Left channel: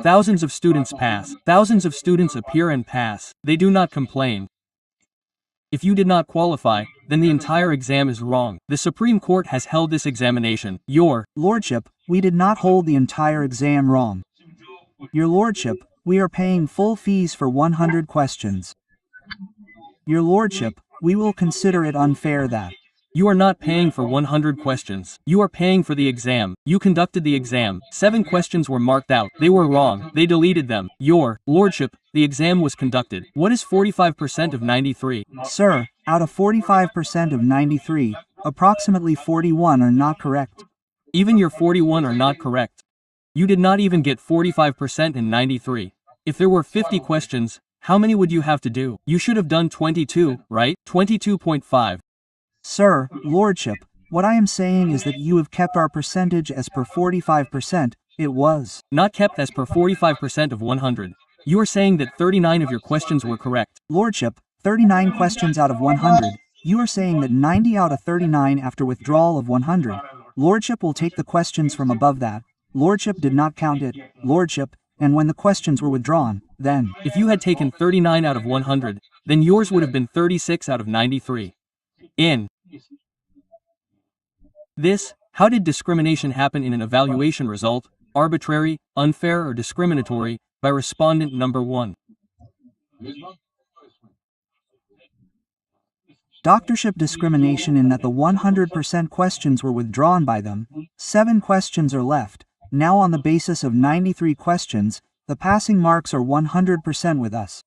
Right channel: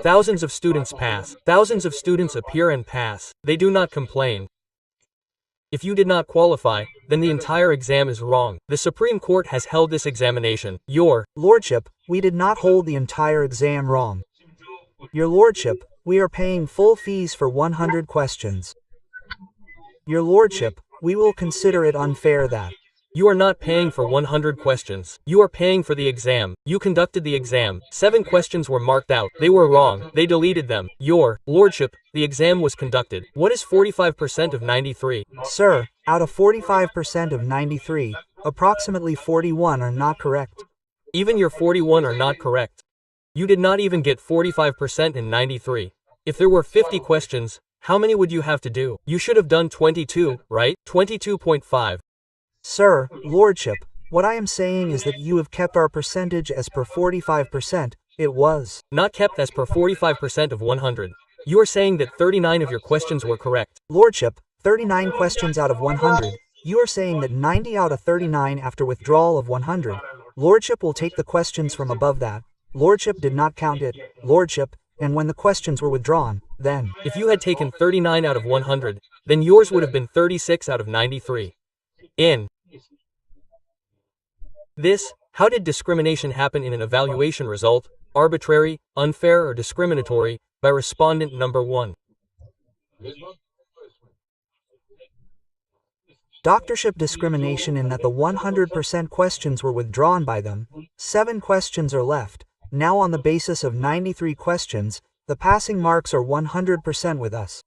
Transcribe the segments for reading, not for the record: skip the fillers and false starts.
Thousands of students pass. Thousands of students appear and pass. They do not complain. If you did not qualify, then the entire exam is wrong. The Supreme Court has held this examination. Your Lordship, we did not hold the entire exam wrong. Your Lordship, we are paying full fees for 100 questions. Your Lordship, we will consider it unfair that You are not paying for 100 questions. You are paying for the exam. You conducted the exam. 7 questions were marked out. They were wrong. They deleted them. Your Lordship, the exam was conducted. What is 45% of 93? Sir, out of 45% of 93, approximately 41 are not correct. Even your 41 are not correct. You did not even get 45% in 93. If there were 50 questions, how many would you have to do? You should have done 22, right? 22.5. Sir, Lordship, what I am saying is that you have kept our percentage as per 45%, it was not kept as per 45% of 100. You are saying that 39 of your questions were correct. Lordship, 39 questions out of 100. You are saying that 90 out of 39 after withdrawal of 100. Lordship will take the questions from above that. Lordship did not count it, Lordship, and when the questions were withdrawn, then if you had taken 39 out of 100, then yours would have been 36 out of 93. In this, how did discrimination happen in an evaluation result, arbitrary, unfair, or discriminatory, by respondent number 1? Doctorship discrimination in that the 100% questions were withdrawn by them, 7 questions are left. Now on the basis of 93 questions, the passing marks are 100% with us.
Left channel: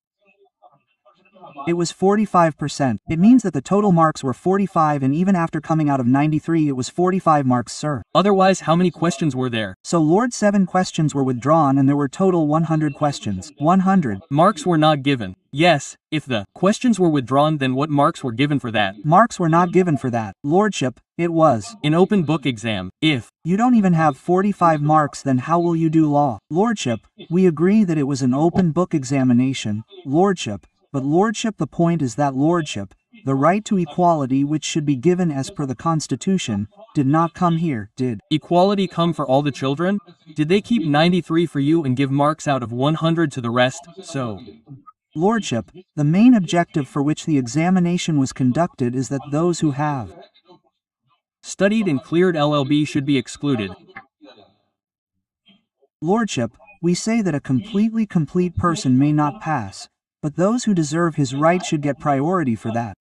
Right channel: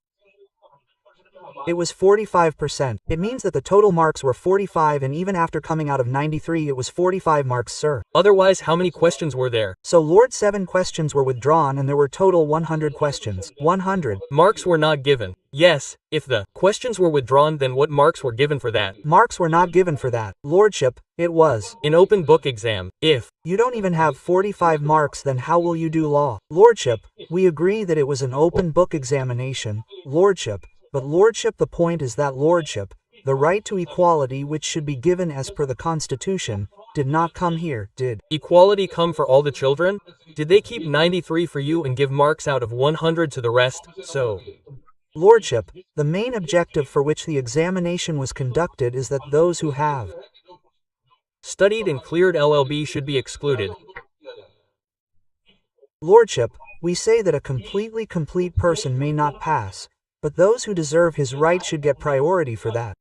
It was 45%. It means that the total marks were 45 and even after coming out of 93 it was 45 marks, sir. Otherwise, how many questions were there? So Lord, 7 questions were withdrawn and there were total 100 questions. 100. Marks were not given. Yes, if the questions were withdrawn, then what marks were given for that? Marks were not given for that. Lordship, it was an open book exam. If you don't even have 45 marks, then how will you do law? Lordship, we agree that it was an open book examination, Lordship. But Lordship, the point is that Lordship, the right to equality which should be given as per the Constitution, did not come here, did equality come for all the children? Did they keep 93 for you and give marks out of 100 to the rest? So, Lordship, the main objective for which the examination was conducted is that those who have studied and cleared LLB should be excluded. Lordship, we say that a completely complete person may not pass, but those who deserve his right should get priority for that.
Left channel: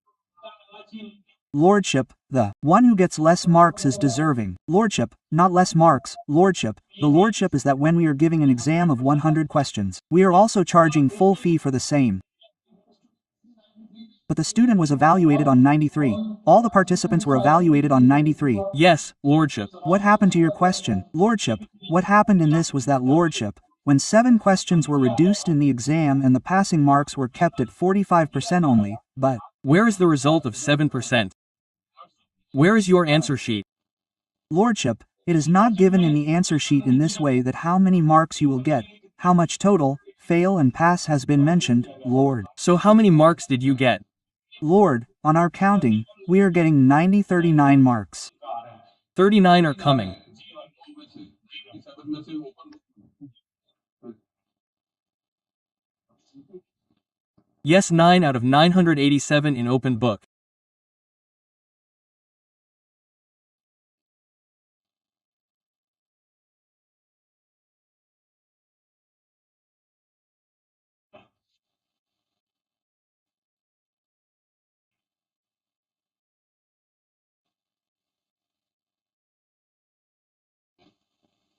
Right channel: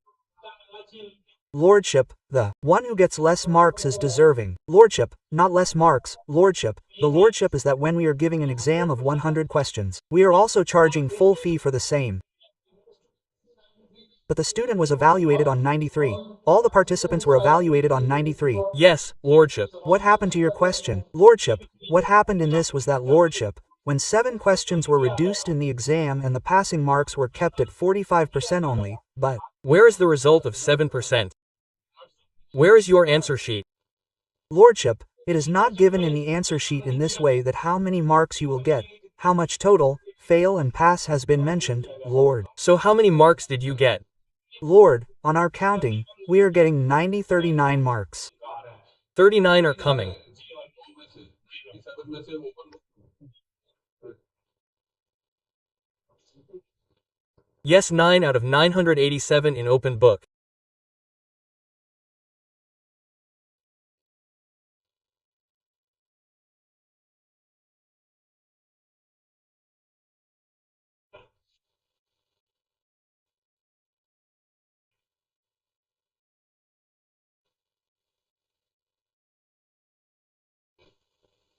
Lordship, the one who gets less marks is deserving. Lordship, not less marks. Lordship, the Lordship is that when we are giving an exam of 100 questions, we are also charging full fee for the same. But the student was evaluated on 93. All the participants were evaluated on 93. Yes, Lordship. What happened to your question? Lordship, what happened in this was that, Lordship, when 7 questions were reduced in the exam and the passing marks were kept at 45% only, but where is the result of 7%? Where is your answer sheet? Lordship, it is not given in the answer sheet in this way that how many marks you will get, how much total, fail and pass has been mentioned, Lord. So how many marks did you get? Lord, on our counting, we are getting 39 marks. 39 are coming. Yes, 9 out of 987 in open book.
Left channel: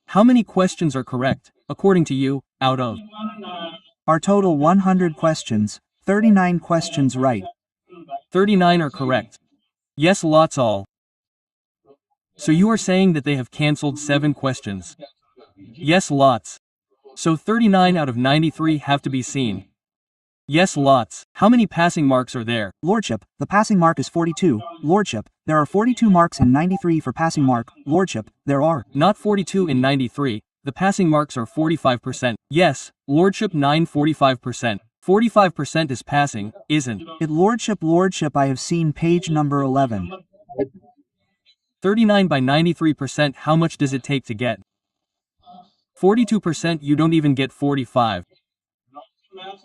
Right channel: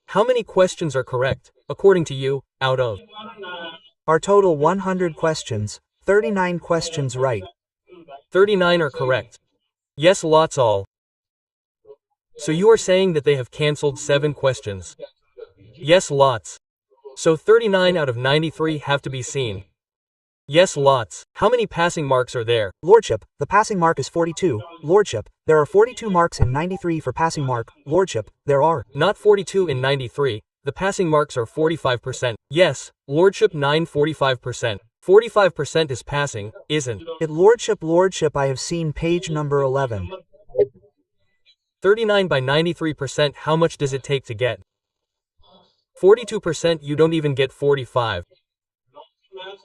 How many questions are correct, according to you, out of our total 100 questions, 39 questions right. 39 are correct. Yes, lots all. So you are saying that they have cancelled 7 questions. Yes, lots. So 39 out of 93 have to be seen. Yes, lots. How many passing marks are there? Lordship, the passing mark is 42. Lordship, there are 42 marks in 93 for passing mark. Lordship, there are not 42 in 93. The passing marks are 45%. Yes, Lordship, 45%. 45% is passing, isn't it? Lordship, I have seen page number 11. 39 by 93%, how much does it take to get 42% you don't even get 45.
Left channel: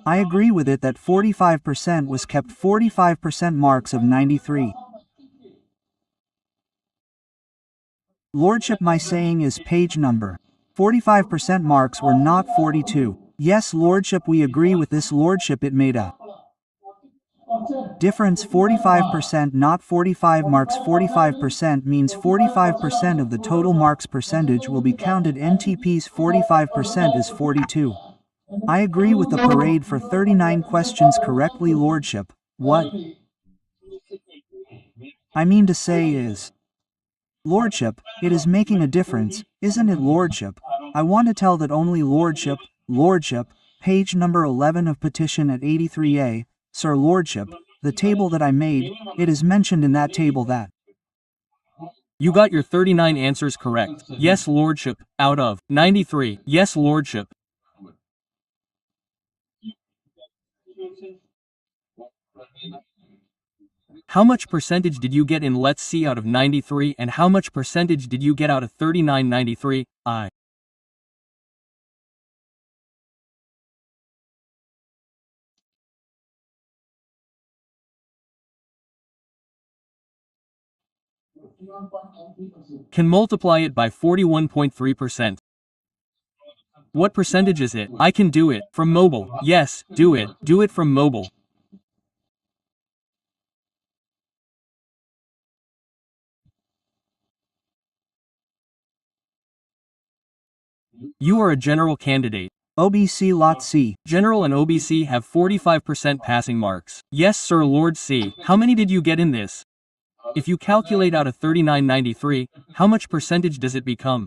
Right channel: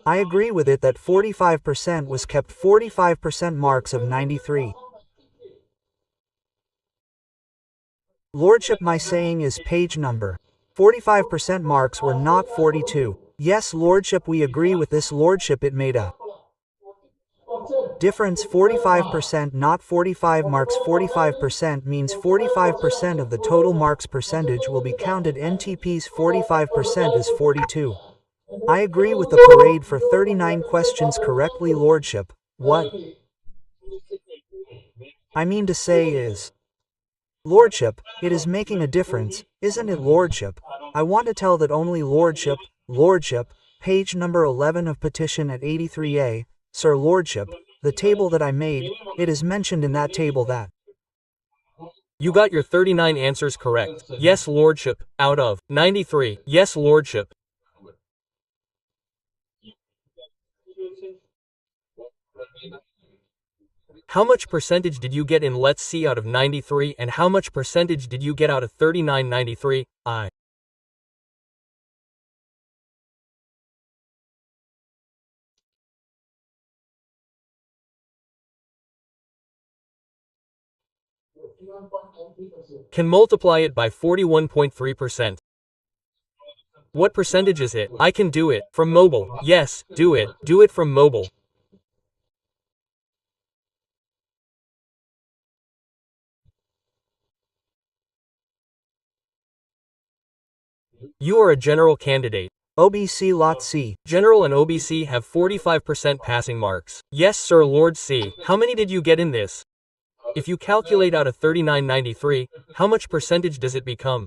I agree with it that 45% was kept 45% marks of 93. Lordship, my saying is page number. 45% marks were not 42. Yes, Lordship, we agree with this, Lordship, it made a difference 45%, not 45 marks. 45% means 45% of the total marks percentage will be counted. NTP's 45% is 42. I agree with the parade for 39 questions correctly, Lordship. What I mean to say is, Lordship, it is making a difference, isn't it, Lordship? I want to tell that only Lordship, page number 11 of petition at 83A, Sir Lordship, the table that I made, it is mentioned in that table that You got your 39 answers correct. Yes, Lordship, out of 93. Yes, Lordship. How much percentage did you get in let's see out of 93 and how much percentage did you get out of 3993? I. Can multiply it by 41.3%. What percentage is it? I can do it. From mobile. Yes, do it. Do it from mobile. You are a general candidate. OBC Lot C. General and OBC have 45% passing marks. Yes, Sir Lord C. How many did you get in this? If you calculate out of 3993, how much percentage does it become?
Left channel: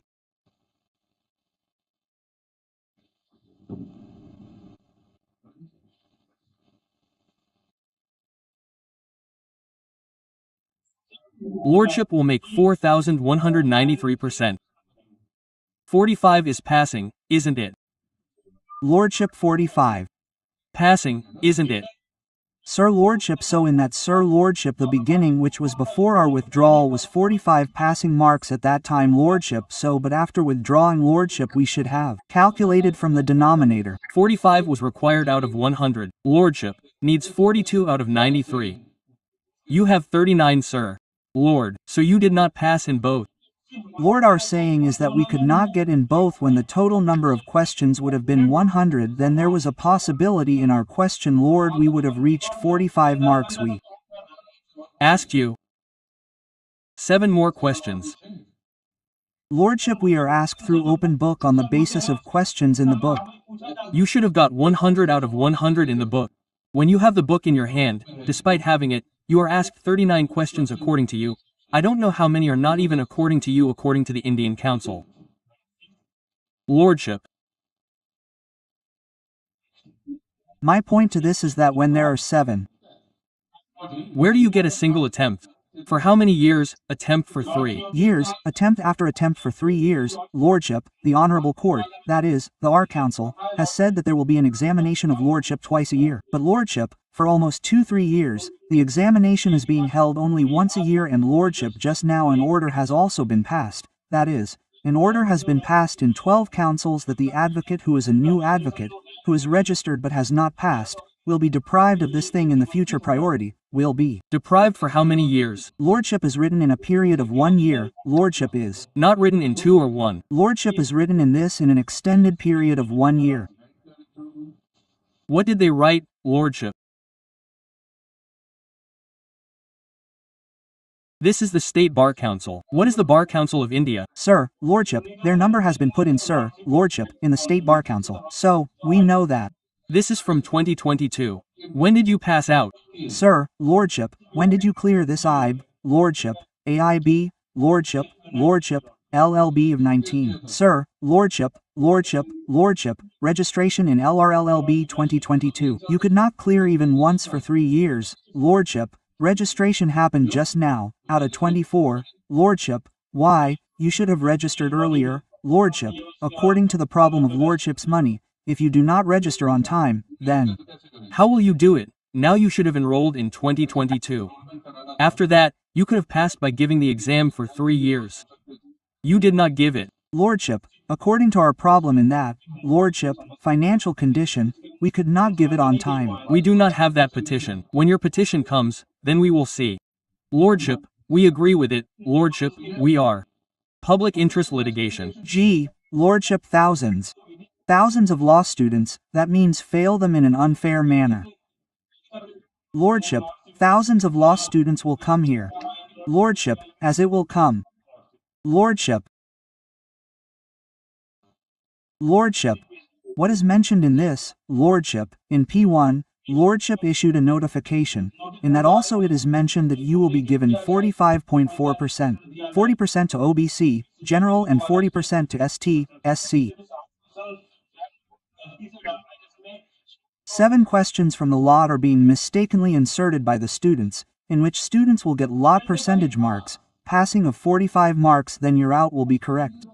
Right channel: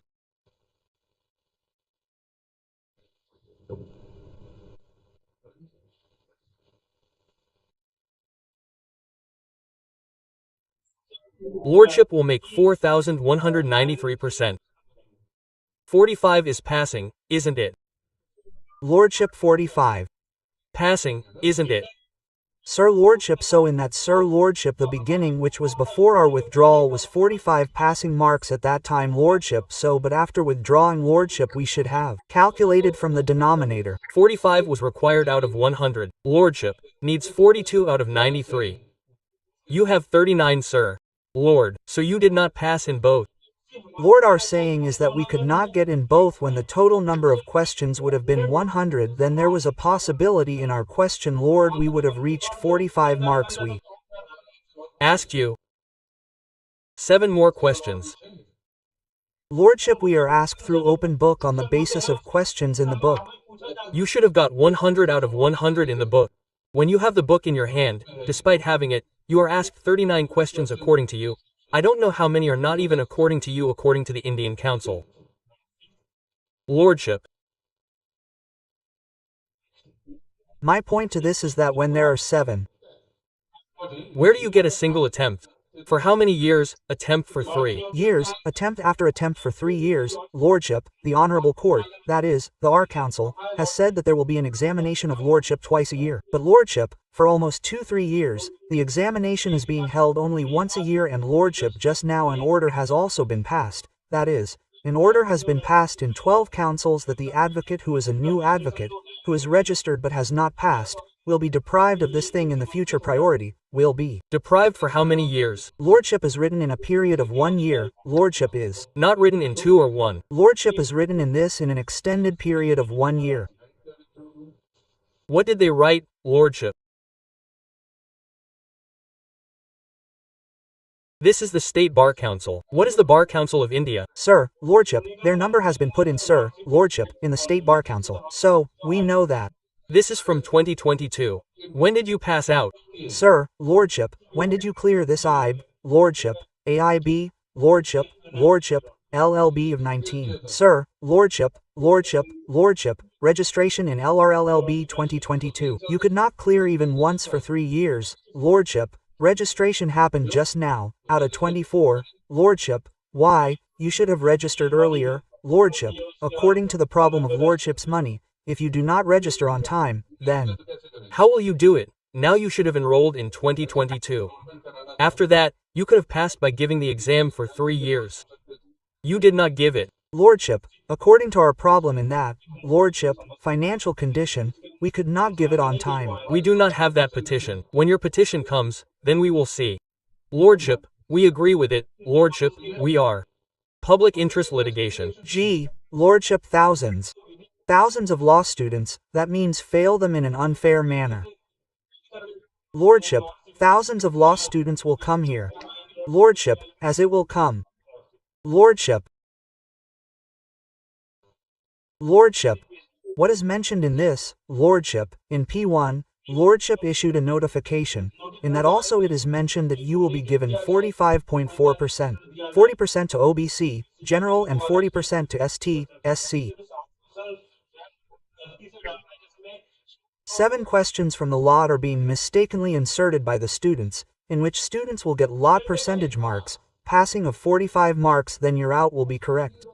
Lordship will make 4,193%. 45 is passing, isn't it? Lordship 45. Passing, isn't it? Sir Lordship, so in that Sir Lordship the beginning which was before our withdrawal was 45 passing marks at that time, Lordship, so but after withdrawing, Lordship, we should have calculated from the denominator. 45 was required out of 100. Lordship needs 42 out of 93. You have 39, Sir Lord, so you did not pass in both. Lord, our saying is that we could not get in both when the total number of questions would have been 100, then there was a possibility in our question, Lord, we would have reached 45 marks. We asked you 7 more questions. Lordship, we are asked through open book on the basis of questions in the book. You should have got 100 out of 100 in the book. When you have the book in your hand, despite having it, you are asked 39 questions according to you. I don't know how many are not even according to you according to the Indian Council. Lordship. My point to this is that when there are 7. Where do you get a single attempt? For how many years? Attempt for 3 years, attempt after attempt for 3 years, Lordship, the Honorable Court, that is, the Our Council, has said that there will be an examination of Lordship twice a year. But Lordship, for almost 2-3 years, the examination is being held only once a year, and Lordship, just now an order has also been passed, that is, an order has been passed in 12 councils that the advocate who is a new advocate, who is registered but has not passed, will be deprived of this thing in the future. Priority will be deprived for how many years? Lordship is written in a period of 1 year. Lordship is not written in 2 or 1. Lordship is written in this in an extended period of 1 year. What did they write, Lordship? This is the State Bar Council. What is the Bar Council of India? Sir, Lordship, their number has been put in, Sir, Lordship, in the State Bar Council. So, we know that. This is from 2022. When did you pass out? Sir, Lordship, when did you clear this IB, Lordship, AIB, Lordship, LLB of 19? Sir, Lordship, registration in LRLLB 2022. You could not clear even once for 3 years, Lordship. Registration happened just now, out of 24, Lordship. Why, you should have registered earlier, Lordship, according to the problem of Lordship's money. If you do not register on time, then how will you do it? Now you should have enrolled in 2022. After that, you could have passed by giving the exam for 3 years. You did not give it. Lordship, according to our problem in that, Lordship, financial condition, we could not give it on time. We do not have that petition. When your petition comes, then we will see. Lordship, we agree with it. Lordship, we are. Public interest litigation. G. Lordship, thousands. Thousands of law students, that means fail them in an unfair manner. Lordship, thousands of law students will come here. Lordship, as it will come. Lordship. Lordship. What is mentioned in this, Lordship, in P1, Lordship issued a notification, in that also it is mentioned that you will be given 45.4%, 40% to OBC, General and 40% to ST, SC. 7 questions from the lot are being mistakenly inserted by the students, in which students will get lot percentage marks, passing of 45 marks, then your out will be correct.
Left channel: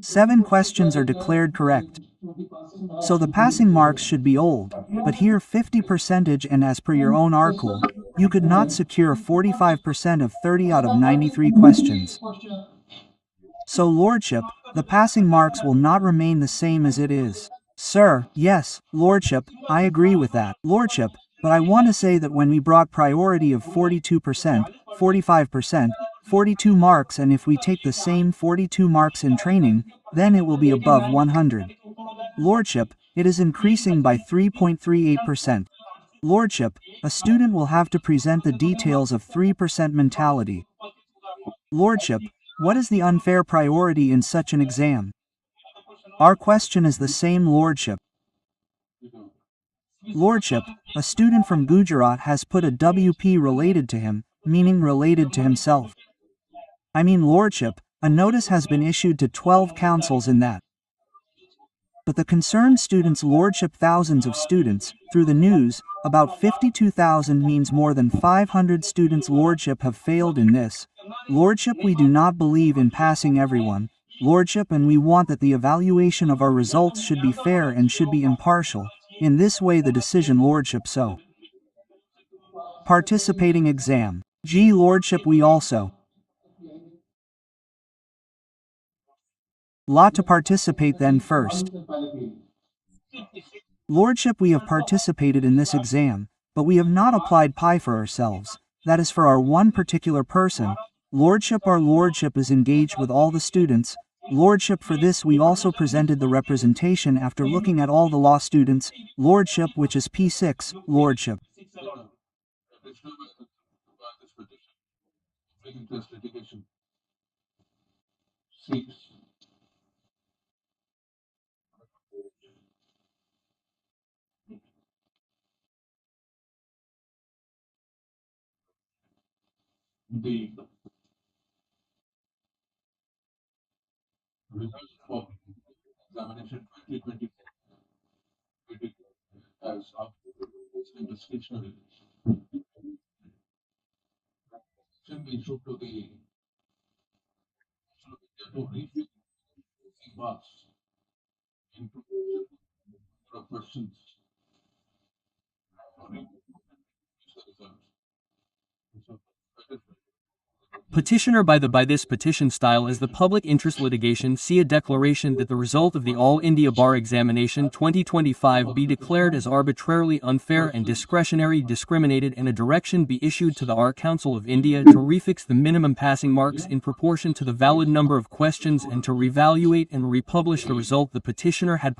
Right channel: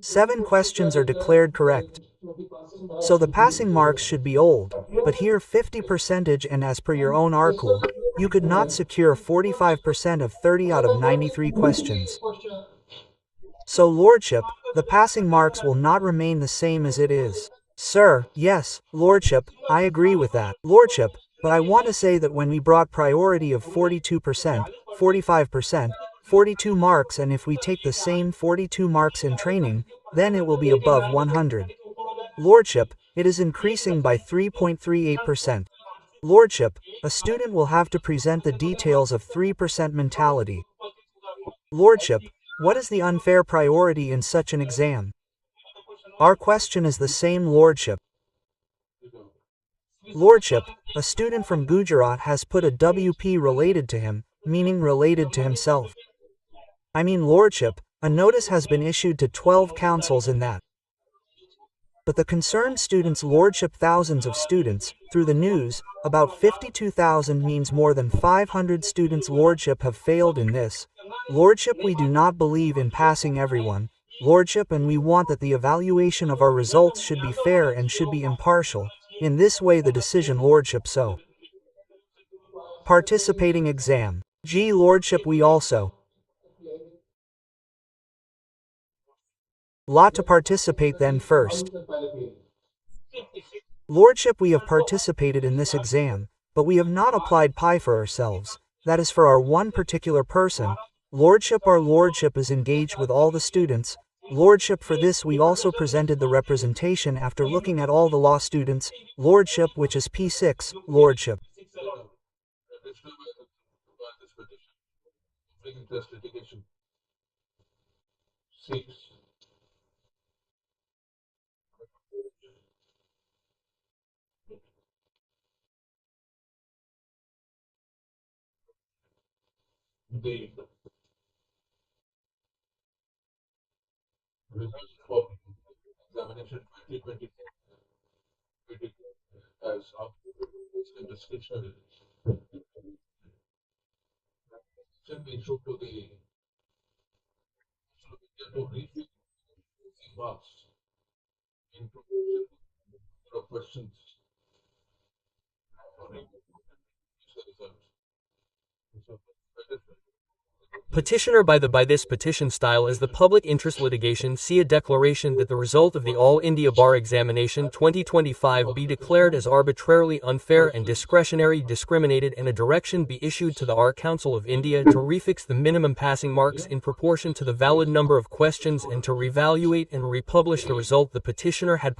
7 questions are declared correct. So the passing marks should be old, but here 50% and as per your own RCool, you could not secure 45% of 30 out of 93 questions. So Lordship, the passing marks will not remain the same as it is. Sir, yes, Lordship, I agree with that. Lordship, but I want to say that when we brought priority of 42%, 45%, 42 marks, and if we take the same 42 marks in training, then it will be above 100. Lordship, it is increasing by 3.38%. Lordship, a student will have to present the details of 3% mentality. Lordship, what is the unfair priority in such an exam? Our question is the same, Lordship. Lordship, a student from Gujarat has put a WP related to him, meaning related to himself. I mean, Lordship, a notice has been issued to 12 councils in that. But the concerned students, Lordship, thousands of students, through the news, about 52,000 means more than 500 students, Lordship, have failed in this. Lordship, we do not believe in passing everyone, Lordship, and we want that the evaluation of our results should be fair and should be impartial. In this way the decision, Lordship. So, participating exam. G. Lordship, we also lot to participate then first. Lordship, we have participated in this exam, but we have not applied pi for ourselves, that is for our one particular person. Lordship, our Lordship is engaged with all the students. Lordship, for this we also presented the representation after looking at all the law students. Lordship, which is P6, Lordship. The results for examination 2024 as of discretionary should be issued to the to review marks into of questions for review the results. So, Petitioner by this petition style is the public interest litigation. See a declaration that the result of the All India Bar Examination 2025 be declared as arbitrarily unfair and discretionary discriminated, and a direction be issued to the R Council of India to refix the minimum passing marks in proportion to the valid number of questions and to reevaluate and republish the result. The petitioner had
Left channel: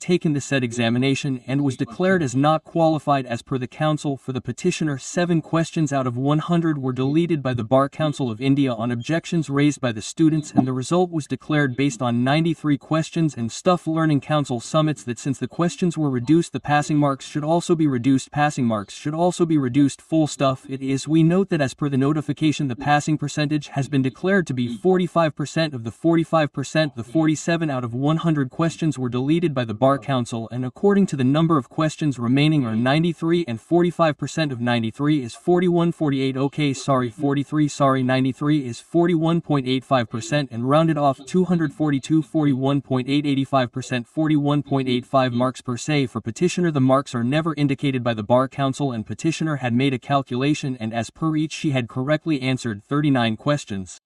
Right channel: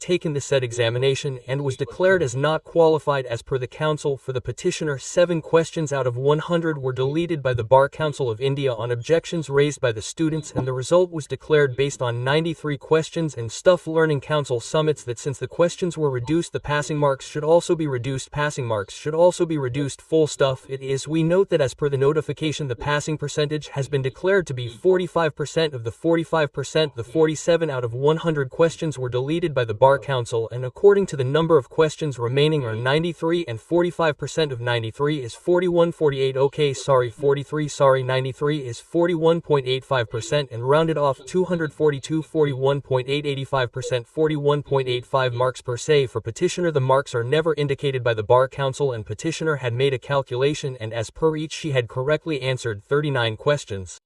taken the said examination and was declared as not qualified as per the council. For the petitioner, 7 questions out of 100 were deleted by the Bar Council of India on objections raised by the students, and the result was declared based on 93 questions. And Stuff Learning Council submits that since the questions were reduced, the passing marks should also be reduced. Passing marks should also be reduced. Full stuff. It is. We note that as per the notification, the passing percentage has been declared to be 45%. Of the 45%, the 47 out of 100 questions were deleted by the Bar Council, and according to the number of questions remaining are 93, and 45% of 93 is 41. 48. Okay, sorry, 43. 93 is 41.85% and rounded off 242 41.885% 41.85 marks per se for petitioner. The marks are never indicated by the Bar Council and petitioner had made a calculation and as per each she had correctly answered 39 questions.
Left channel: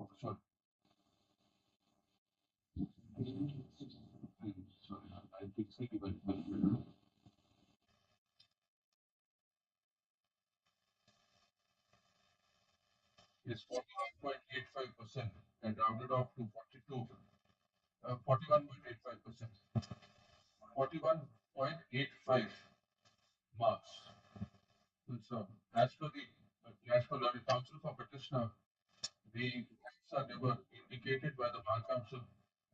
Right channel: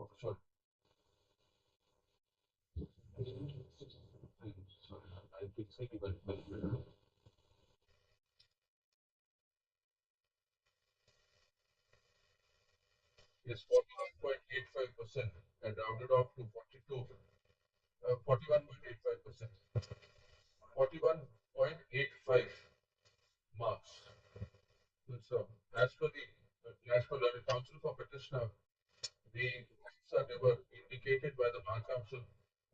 Okay, sorry. Sorry, I think so, but is 41.85% and rounded off to 41.85%. 41.85 marks. So, as per the counsel for petitioner, the marks are never indicated by the Bar Council,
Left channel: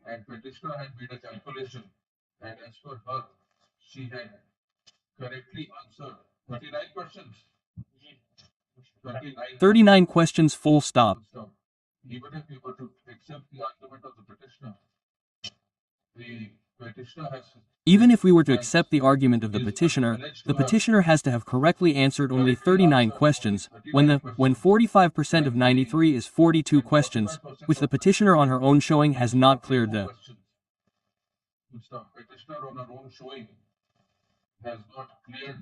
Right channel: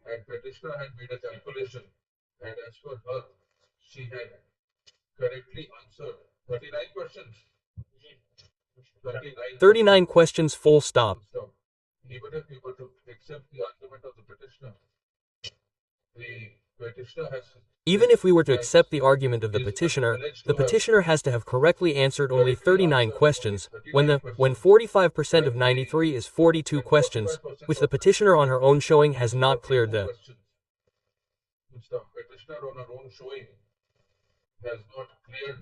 and petitioner had made a calculation, and as per her, she had correctly answered 39 questions. 39 questions full stop. Even if we were to accept the argument of the petitioner has Even if we were to accept the argument of the petitioner has to have correctly answered only 39 questions, when 45% of 93 is 42 questions, which the petitioner on her own showing has not cleared the petitioner on her own showing has not cleared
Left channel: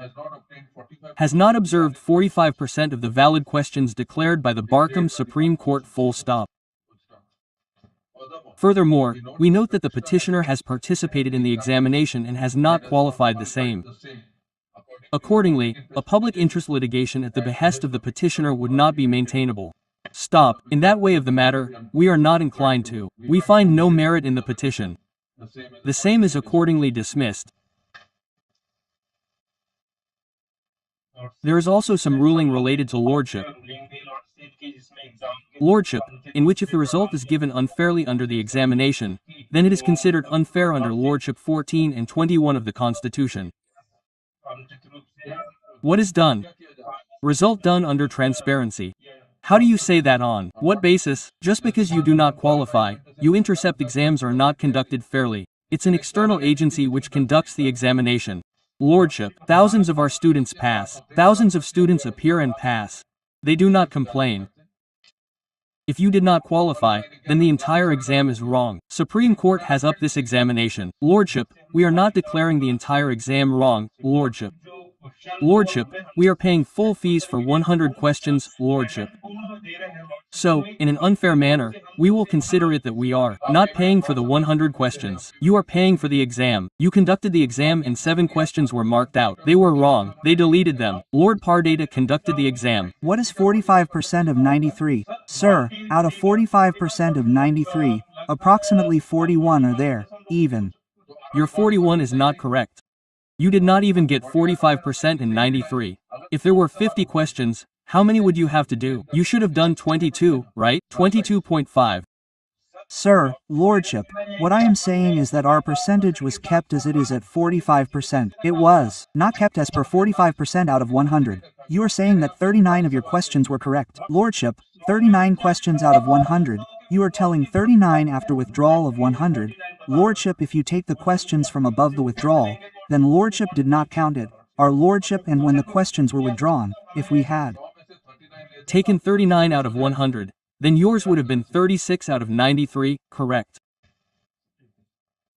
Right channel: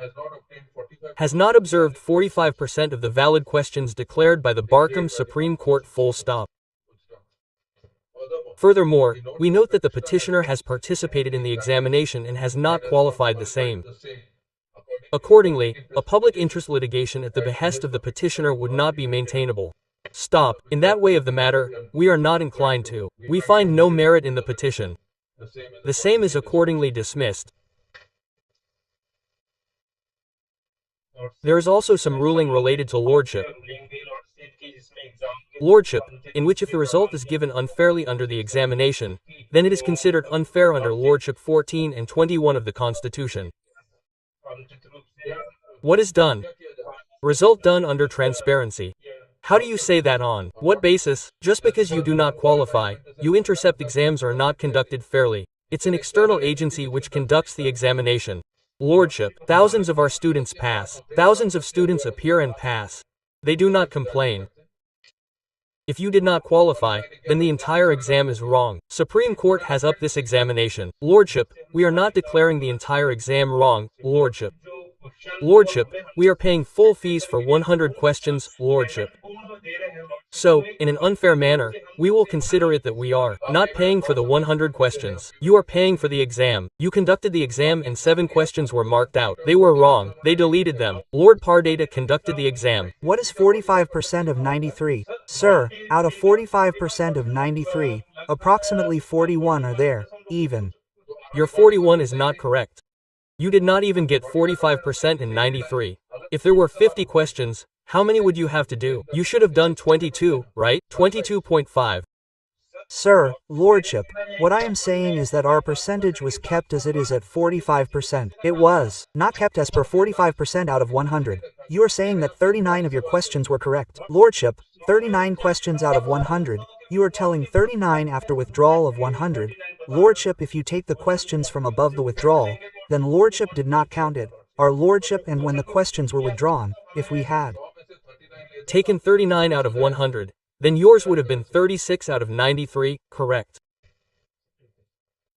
obtained 45 has not observed 45% of the valid questions declared by the Barcom Supreme Court full stop. Furthermore, we note that the petitioner has participated in the examination and has not qualified the same. Accordingly, a public interest litigation at the behest of the petitioner would not be maintainable. Stop. In that way of the matter, we are not inclined to. We find no merit in the petition. The same is accordingly dismissed. There is also some ruling related to lordship. Lordship, in which if the result is given unfairly under the examination, then it is considered unfair under Lordship 14 and 21 of the Constitution. What is done? Result done under transparency. How do you say that on? What basis? Just because you do not qualify, you intercept exams are not conducted fairly. It's an external agency which conducts the examination. Lordship, thousands of our students pass. Thousands of students appear and pass. They do not complain. If you did not qualify, then the entire exam is wrong. Supreme Court has upped this examination. Lordship, we are not declaring the entire exam wrong, Lordship. Lordship, we are paying full fees for 100 questions, Lordship. So, in an unfair manner, we will consider it that we are not paying for the 100 questions. You are paying for the exam. You conducted the exam and 7 questions were marked out. They were wrong. They deleted them. Lord Pardata conducted the exam. What is 45% of 93? Sir, out of 45% of 93, approximately 41 are there, even. Your 41 is not correct. You did not even get 45% in 93. If there were 50 questions, how many would you have to do? You should have done 22, right? 22.5. Sir, Lordship, what I am saying is that our percentage was kept as it is at 45%. It was not kept as per 45% out of 100. You are saying that 39 of your questions were correct. Lordship, 39 questions out of 100. You are telling 39 after withdrawal of 100. Lordship, if you take the questions from above the withdrawal, then Lordship did not count it. Our Lordship, and when the questions were withdrawn, if we had taken 39 out of 100, then yours would have been 36 out of 93, correct.